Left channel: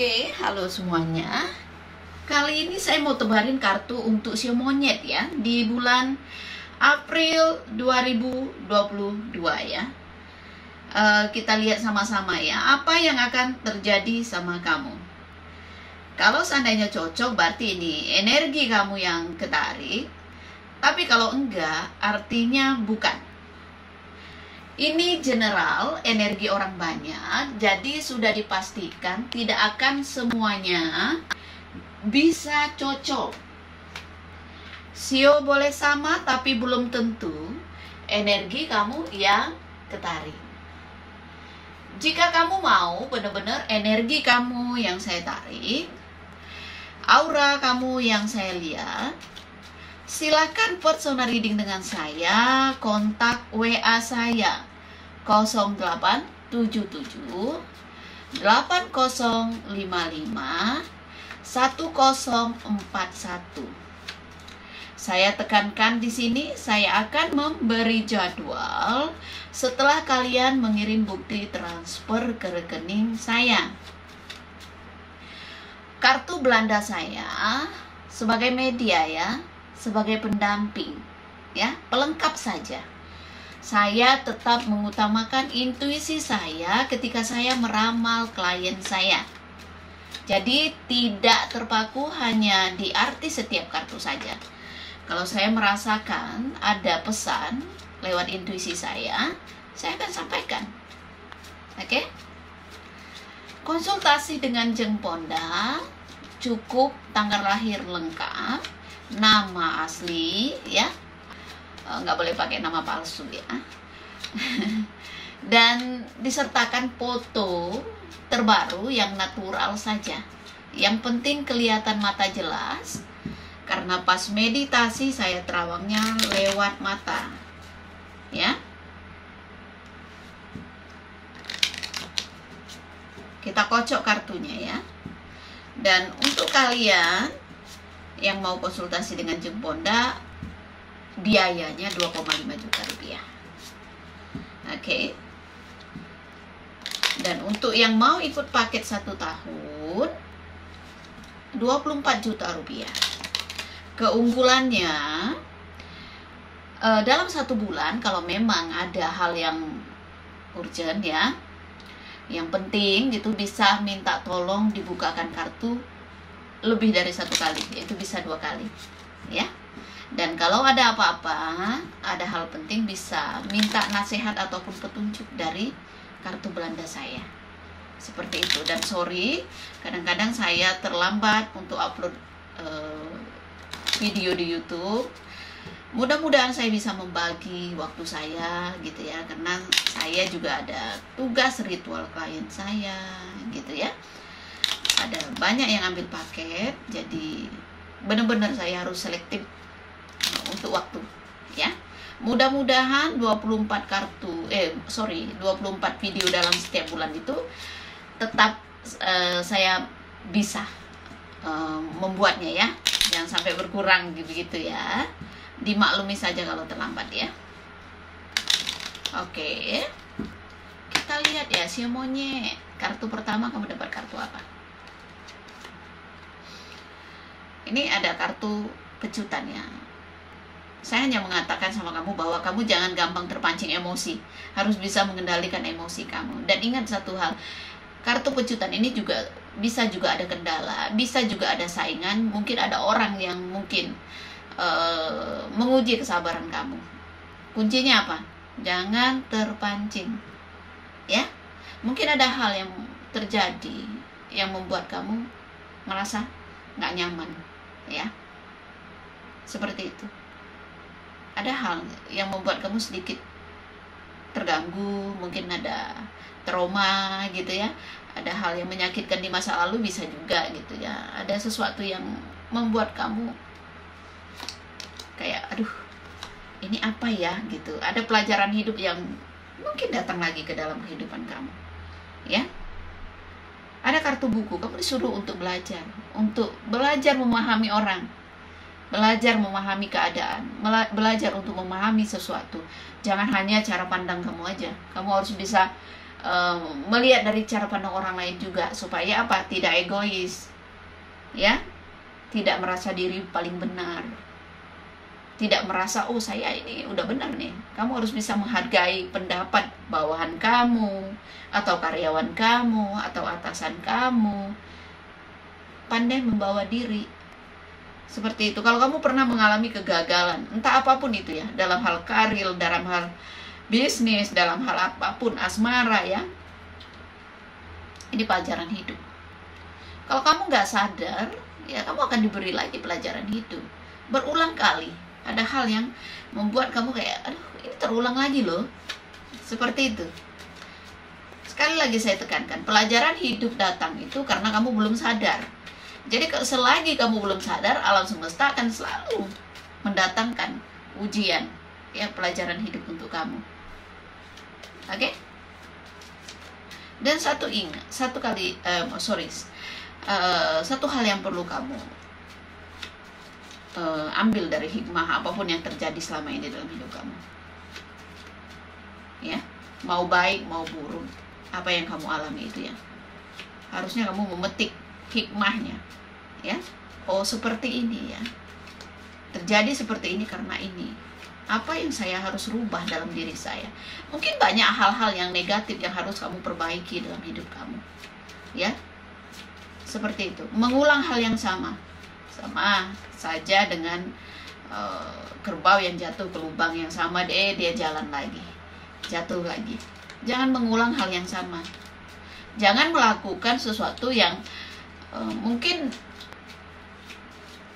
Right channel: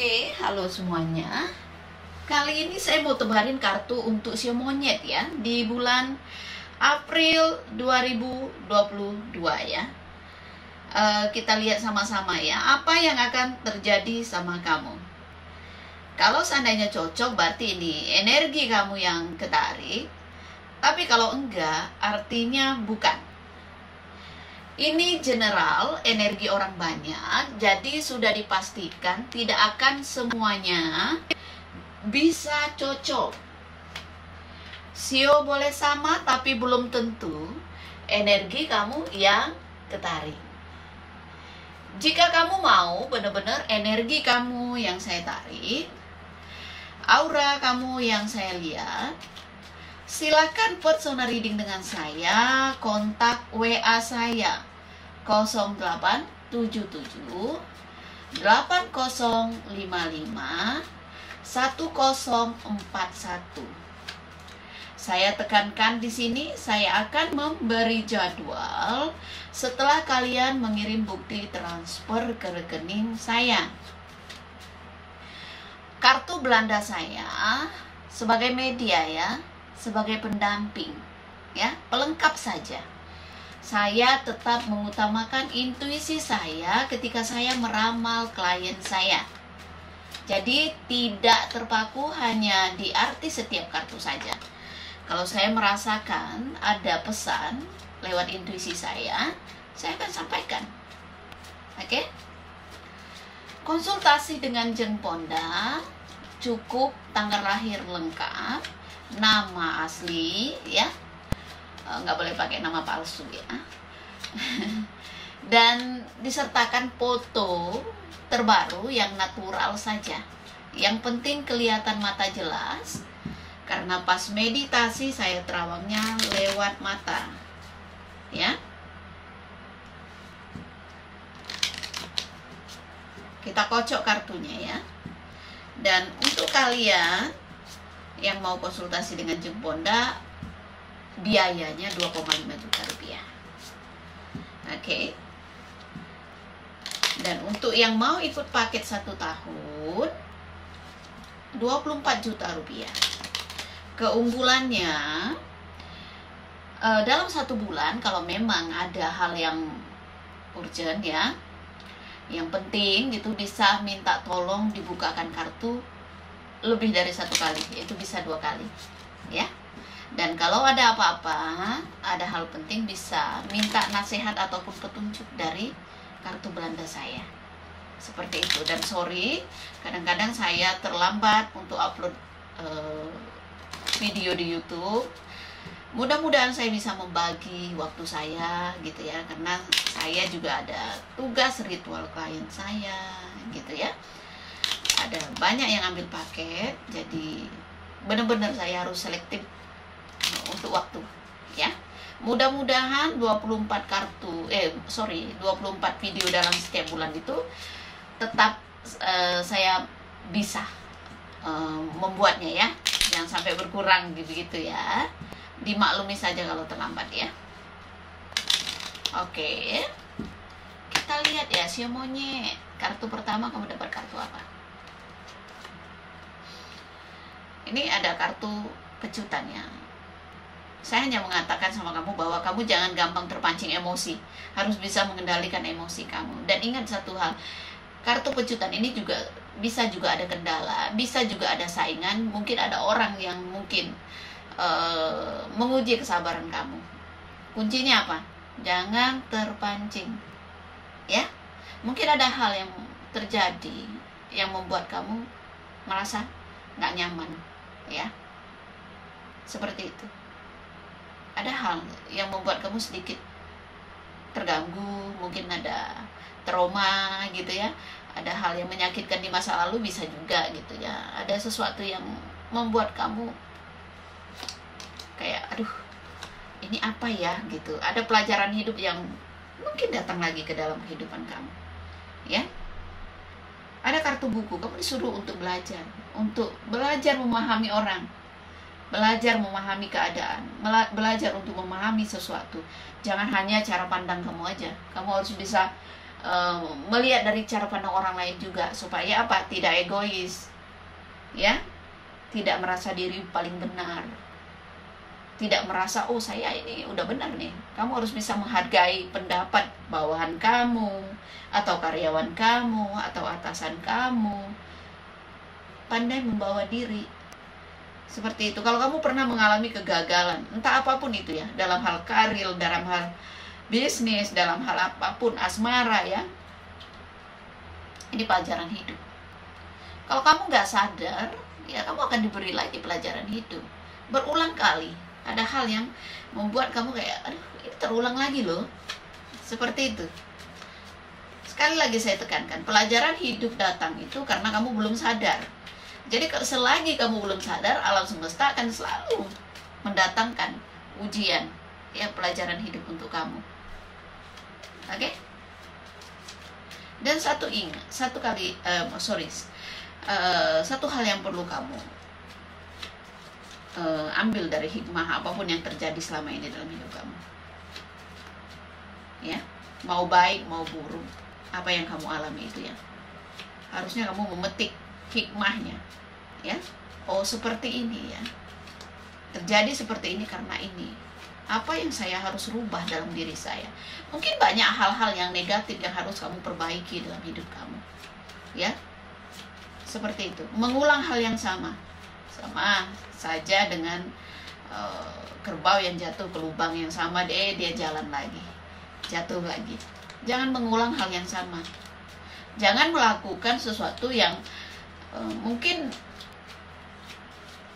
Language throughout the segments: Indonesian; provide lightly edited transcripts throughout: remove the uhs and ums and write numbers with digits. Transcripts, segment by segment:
Oke, halo semuanya. Kali ini saya mau tebarin kartu untuk sio monyet ya di bulan April 2022 ya. Kita lihat sama-sama ya, apa yang akan terjadi sama kamu. Kalau seandainya cocok, berarti ini energi kamu yang ketarik. Tapi kalau enggak, artinya bukan. Ini general, energi orang banyak, jadi sudah dipastikan tidak akan semuanya bisa cocok. Sio boleh sama, tapi belum tentu energi kamu yang ketarik. Jika kamu mau benar-benar energi kamu yang saya tarik, aura kamu yang saya lihat, silakan personal reading dengan saya, kontak WA saya 0877 8055 1041. Saya tekankan di sini, saya akan memberi jadwal setelah kalian mengirim bukti transfer ke rekening saya. Kartu Belanda saya sebagai media ya, sebagai pendamping ya, pelengkap saja. Saya tetap mengutamakan intuisi saya ketika saya meramal klien saya. Jadi tidak terpaku hanya di arti setiap kartu saja. Kalau saya merasakan ada pesan lewat intuisi saya akan sampaikan. Oke? Konsultasi dengan Jeng Ponda, cukup tanggal lahir lengkap, nama asli ya, nggak boleh pakai nama palsu ya, dan disertakan foto terbaru yang natural saja. Yang penting kelihatan mata jelas, karena pas meditasi saya terawangnya lewat mata ya. Kita kocok kartunya ya. Dan untuk kalian yang mau konsultasi dengan Jeng Ponda, biayanya 2,5 juta rupiah. Oke. Dan untuk yang mau ikut paket 1 tahun, 24 juta rupiah. Keunggulannya, dalam 1 bulan kalau memang ada hal yang urgent ya, yang penting gitu, bisa minta tolong dibukakan kartu lebih dari 1 kali, yaitu bisa 2 kali ya. Dan kalau ada apa-apa, ada hal penting, bisa minta nasihat ataupun petunjuk dari kartu Belanda saya. Seperti itu. Dan sorry, kadang-kadang saya terlambat untuk upload video di YouTube. Mudah-mudahan saya bisa membagi waktu saya gitu ya, karena saya juga ada tugas ritual klien saya gitu ya. Ada banyak yang ambil paket, jadi benar-benar saya harus selektif untuk waktu ya. Mudah-mudahan 24 video dalam setiap bulan itu tetap saya bisa membuatnya ya. Jangan sampai berkurang gitu ya. Dimaklumi saja kalau terlambat ya. Oke. Kita lihat ya, sio monyet. Kartu pertama kamu dapat kartu apa? Ini ada kartu kejutan ya. Saya hanya mengatakan sama kamu bahwa kamu jangan gampang terpancing emosi. Harus bisa mengendalikan emosi kamu. Dan ingat satu hal, kartu kejutan ini bisa juga ada kendala, bisa juga ada saingan, mungkin ada orang yang mungkin menguji kesabaran kamu. Kuncinya apa? Jangan terpancing ya. Mungkin ada hal yang terjadi yang membuat kamu merasa nggak nyaman ya. Seperti itu. Ada hal yang membuat kamu sedikit terganggu, mungkin ada trauma gitu ya, ada hal yang menyakitkan di masa lalu, bisa juga gitu ya, ada sesuatu yang membuat kamu kayak aduh ini apa ya gitu, ada pelajaran hidup yang mungkin datang lagi ke dalam kehidupan kamu ya. Ada kartu buku, kamu disuruh untuk belajar memahami orang, belajar memahami keadaan, belajar untuk memahami sesuatu. Jangan hanya cara pandang kamu aja, kamu harus bisa melihat dari cara pandang orang lain juga, supaya apa? Tidak egois, ya, tidak merasa diri paling benar, tidak merasa oh saya ini udah benar nih. Kamu harus bisa menghargai pendapat bawahan kamu, atau karyawan kamu, atau atasan kamu. Pandai membawa diri seperti itu. Kalau kamu pernah mengalami kegagalan, entah apapun itu ya, dalam hal karir, dalam hal bisnis, dalam hal apapun, asmara ya, ini pelajaran hidup. Kalau kamu nggak sadar, ya kamu akan diberi lagi pelajaran hidup berulang kali. Ada hal yang membuat kamu kayak, aduh ini terulang lagi loh, seperti itu. Sekali lagi saya tekankan, pelajaran hidup datang itu karena kamu belum sadar. Jadi selagi kamu belum sadar, alam semesta akan selalu mendatangkan ujian, ya, pelajaran hidup untuk kamu. Oke? Dan satu hal yang perlu kamu ambil dari hikmah apapun yang terjadi selama ini dalam hidup kamu, ya, mau baik mau buruk, apa yang kamu alami itu ya, harusnya kamu memetik hikmahnya, ya. Oh seperti ini ya, terjadi seperti ini karena ini. Apa yang saya harus rubah dalam diri saya? Mungkin banyak hal-hal yang negatif yang harus kamu perbaiki dalam hidup kamu, ya. Seperti itu. Mengulang hal yang sama saja dengan kerbau yang jatuh ke lubang yang sama, dia jalan lagi, jatuh lagi. Jangan mengulang hal yang sama. Jangan melakukan sesuatu yang mungkin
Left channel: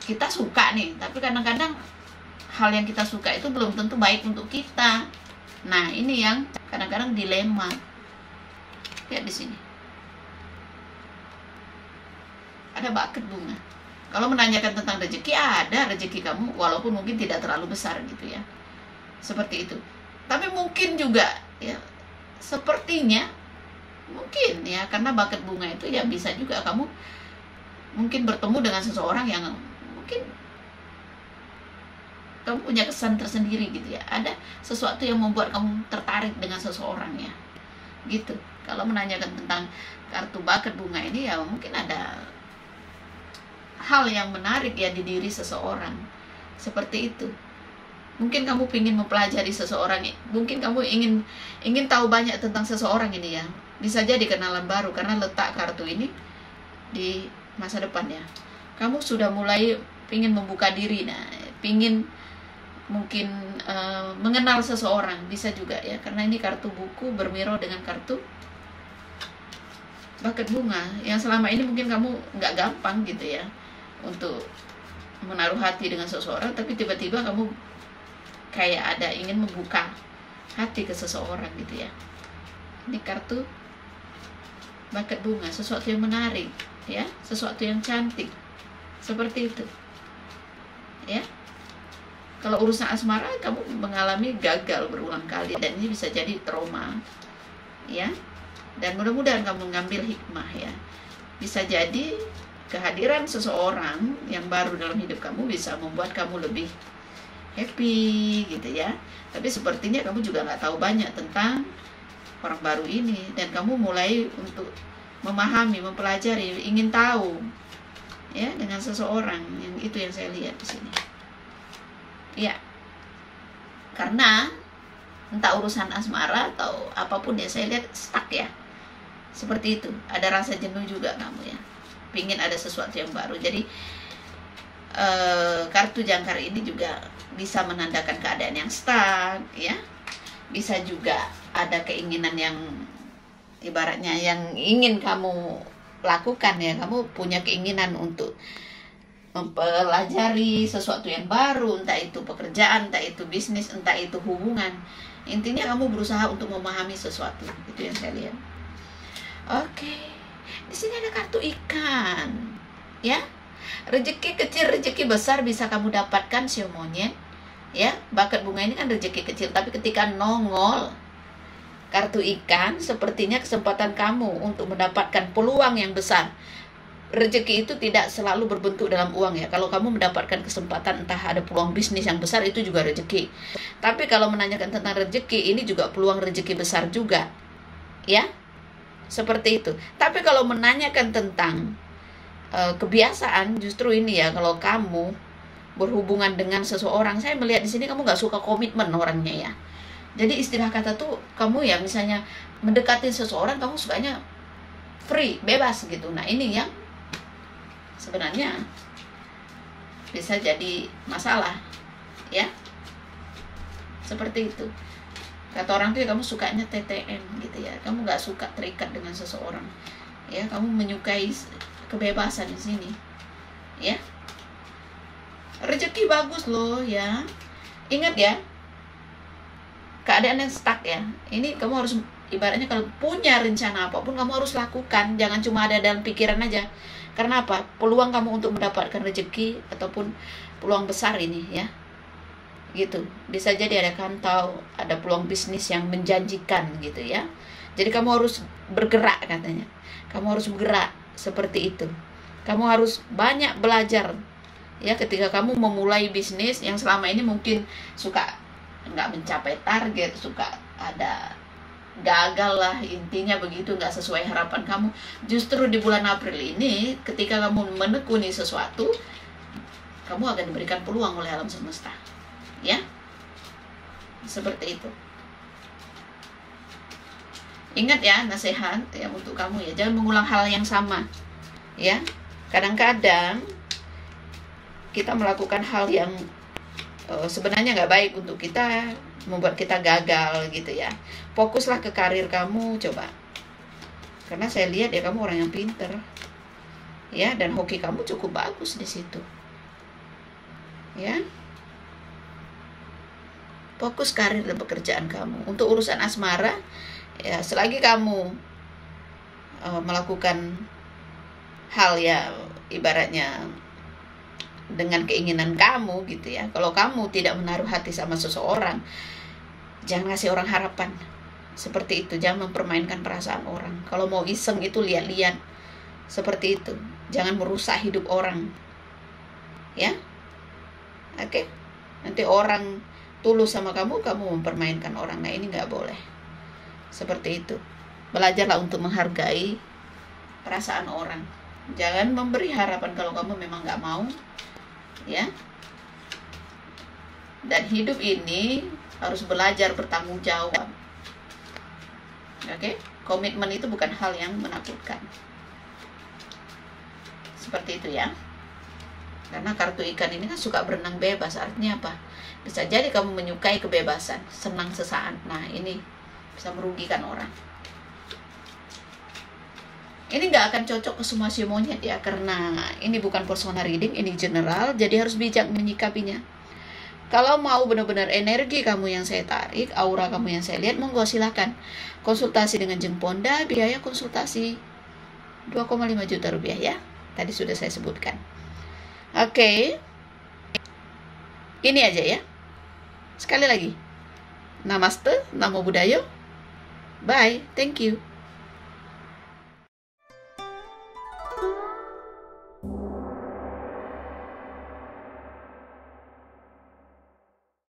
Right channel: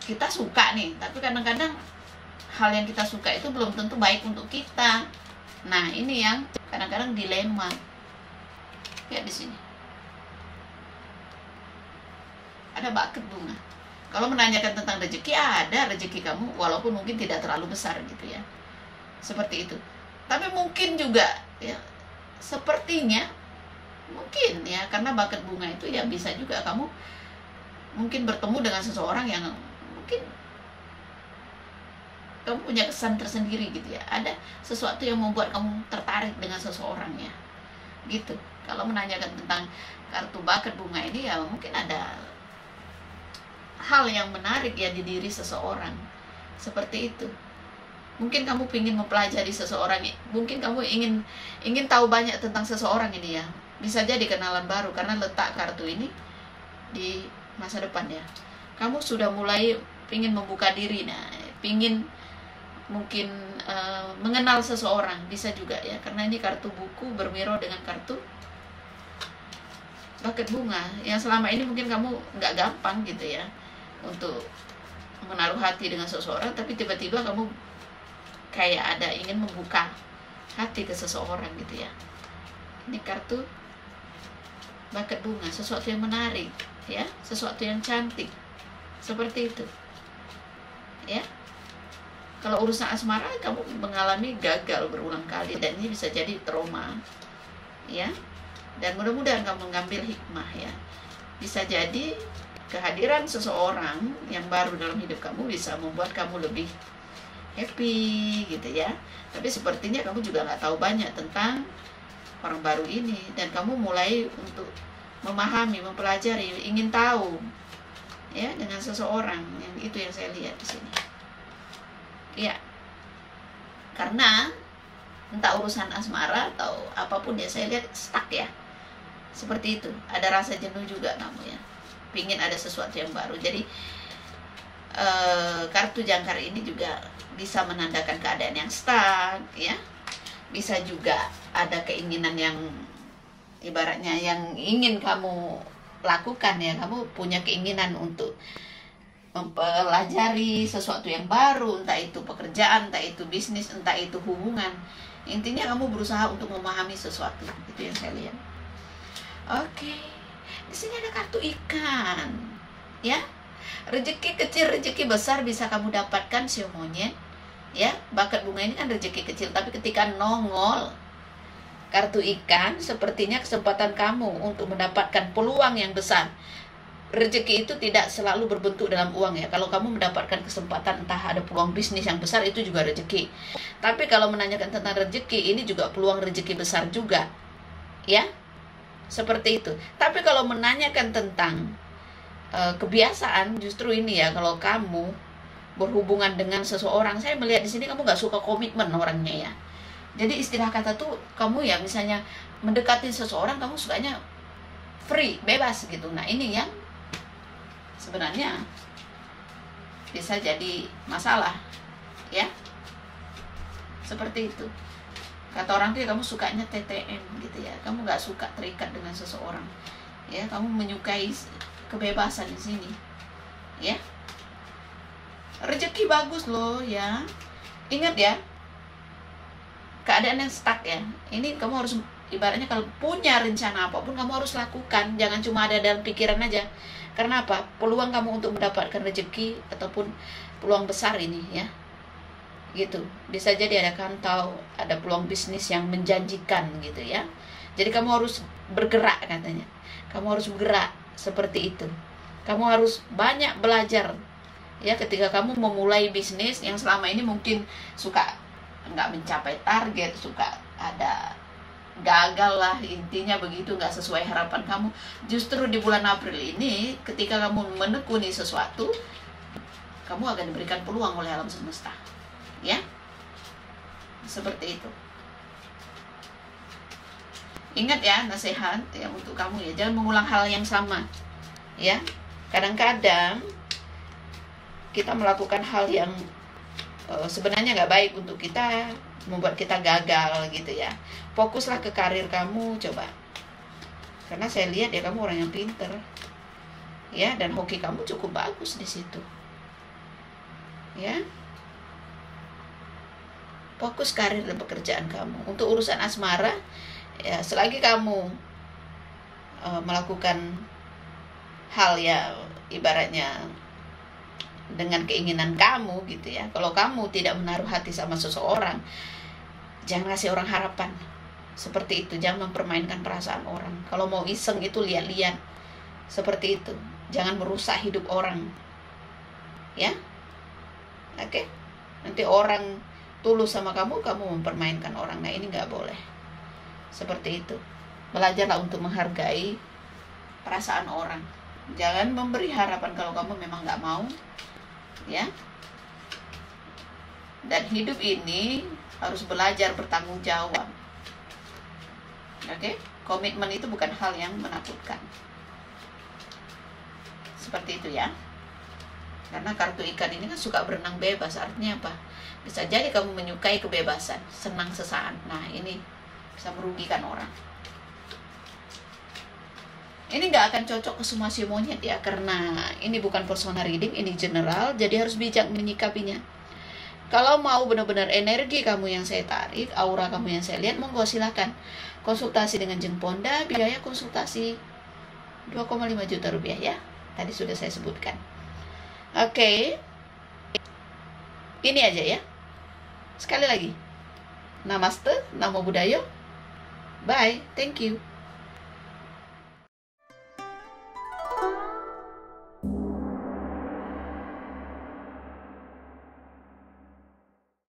kita suka nih, tapi kadang-kadang hal yang kita suka itu belum tentu baik untuk kita. Nah, ini yang kadang-kadang dilema. Lihat di sini. Ada bucket bunga. Kalau menanyakan tentang rezeki, ada rezeki kamu, walaupun mungkin tidak terlalu besar gitu ya. Seperti itu. Tapi mungkin juga ya, sepertinya mungkin ya, karena bucket bunga itu ya bisa juga kamu mungkin bertemu dengan seseorang yang mungkin kamu punya kesan tersendiri gitu ya. Ada sesuatu yang membuat kamu tertarik dengan seseorang ya, gitu. Kalau menanyakan tentang kartu bucket bunga ini ya, mungkin ada hal yang menarik ya di diri seseorang, seperti itu. Mungkin kamu ingin mempelajari seseorang, mungkin kamu ingin tahu banyak tentang seseorang ini ya. Bisa jadi kenalan baru karena letak kartu ini di masa depan ya. Kamu sudah mulai ingin membuka diri, nah, ingin mungkin mengenal seseorang, bisa juga ya, karena ini kartu buku bermiro dengan kartu bucket bunga yang selama ini mungkin kamu nggak gampang gitu ya untuk menaruh hati dengan seseorang, tapi tiba-tiba kamu kayak ada ingin membuka hati ke seseorang gitu ya. Ini kartu bucket bunga, sesuatu yang menarik ya, sesuatu yang cantik, seperti itu ya. Kalau urusan asmara kamu mengalami gagal berulang kali, dan ini bisa jadi trauma ya. Dan mudah-mudahan kamu mengambil hikmah ya. Bisa jadi kehadiran seseorang yang baru dalam hidup kamu bisa membuat kamu lebih happy gitu ya. Tapi sepertinya kamu juga nggak tahu banyak tentang orang baru ini, dan kamu mulai untuk memahami, mempelajari, ingin tahu ya dengan seseorang. Yang itu yang saya lihat di sini. Ya, karena entah urusan asmara atau apapun ya, saya lihat stuck ya, seperti itu. Ada rasa jenuh juga kamu ya, pingin ada sesuatu yang baru. Jadi kartu jangkar ini juga bisa menandakan keadaan yang stuck ya. Bisa juga ada keinginan yang ibaratnya yang ingin kamu lakukan ya. Kamu punya keinginan untuk mempelajari sesuatu yang baru, entah itu pekerjaan, entah itu bisnis, entah itu hubungan. Intinya kamu berusaha untuk memahami sesuatu. Itu yang saya lihat. Oke. Di sini ada kartu ikan. Ya. Rezeki kecil, rezeki besar bisa kamu dapatkan, sio monyet. Ya, bucket bunga ini kan rezeki kecil, tapi ketika nongol kartu ikan, sepertinya kesempatan kamu untuk mendapatkan peluang yang besar. Rezeki itu tidak selalu berbentuk dalam uang ya. Kalau kamu mendapatkan kesempatan, entah ada peluang bisnis yang besar, itu juga rezeki. Tapi kalau menanyakan tentang rezeki, ini juga peluang rezeki besar juga ya, seperti itu. Tapi kalau menanyakan tentang kebiasaan, justru ini ya, kalau kamu berhubungan dengan seseorang, saya melihat di sini kamu nggak suka komitmen orangnya ya. Jadi istilah kata tuh kamu ya, misalnya mendekati seseorang kamu sukanya free, bebas gitu. Nah ini yang sebenarnya bisa jadi masalah ya, seperti itu. Kata orang tuh ya, kamu sukanya TTM gitu ya, kamu nggak suka terikat dengan seseorang ya, kamu menyukai kebebasan di sini ya. Rezeki bagus loh ya, ingat ya, keadaan yang stuck ya. Ini kamu harus, ibaratnya kalau punya rencana apapun kamu harus lakukan, jangan cuma ada dalam pikiran aja. Karena apa? Peluang kamu untuk mendapatkan rezeki ataupun peluang besar ini ya, gitu. Bisa jadi ada kantau, ada peluang bisnis yang menjanjikan gitu ya. Jadi kamu harus bergerak katanya. Kamu harus bergerak seperti itu. Kamu harus banyak belajar ya ketika kamu memulai bisnis yang selama ini mungkin suka nggak mencapai target, suka ada gagal lah, intinya begitu, nggak sesuai harapan kamu. Justru di bulan April ini ketika kamu menekuni sesuatu, kamu akan diberikan peluang oleh alam semesta ya, seperti itu. Ingat ya, nasihat ya untuk kamu ya, jangan mengulang hal yang sama ya. Kadang-kadang kita melakukan hal yang sebenarnya nggak baik untuk kita, membuat kita gagal gitu ya. Fokuslah ke karir kamu coba, karena saya lihat ya kamu orang yang pinter ya, dan hoki kamu cukup bagus di situ ya. Fokus karir dan pekerjaan kamu. Untuk urusan asmara ya, selagi kamu melakukan hal ya ibaratnya dengan keinginan kamu gitu ya. Kalau kamu tidak menaruh hati sama seseorang, jangan kasih orang harapan seperti itu. Jangan mempermainkan perasaan orang. Kalau mau iseng itu lihat-lihat seperti itu. Jangan merusak hidup orang ya. Oke. Nanti orang tulus sama kamu, kamu mempermainkan orang. Nah ini nggak boleh seperti itu. Belajarlah untuk menghargai perasaan orang. Jangan memberi harapan kalau kamu memang nggak mau ya. Dan hidup ini harus belajar bertanggung jawab. Oke? Komitmen itu bukan hal yang menakutkan. Seperti itu ya. Karena kartu ikan ini kan suka berenang bebas. Artinya apa? Bisa jadi kamu menyukai kebebasan, senang sesaat. Nah ini bisa merugikan orang. Ini nggak akan cocok ke semua si monyet ya, karena ini bukan personal reading, ini general, jadi harus bijak menyikapinya. Kalau mau benar-benar energi kamu yang saya tarik, aura kamu yang saya lihat, monggo silakan konsultasi dengan Jeng Ponda. Biaya konsultasi 2,5 juta rupiah ya, tadi sudah saya sebutkan. Oke. Ini aja ya. Sekali lagi, Namaste, Namo Buddhaya. Bye, thank you.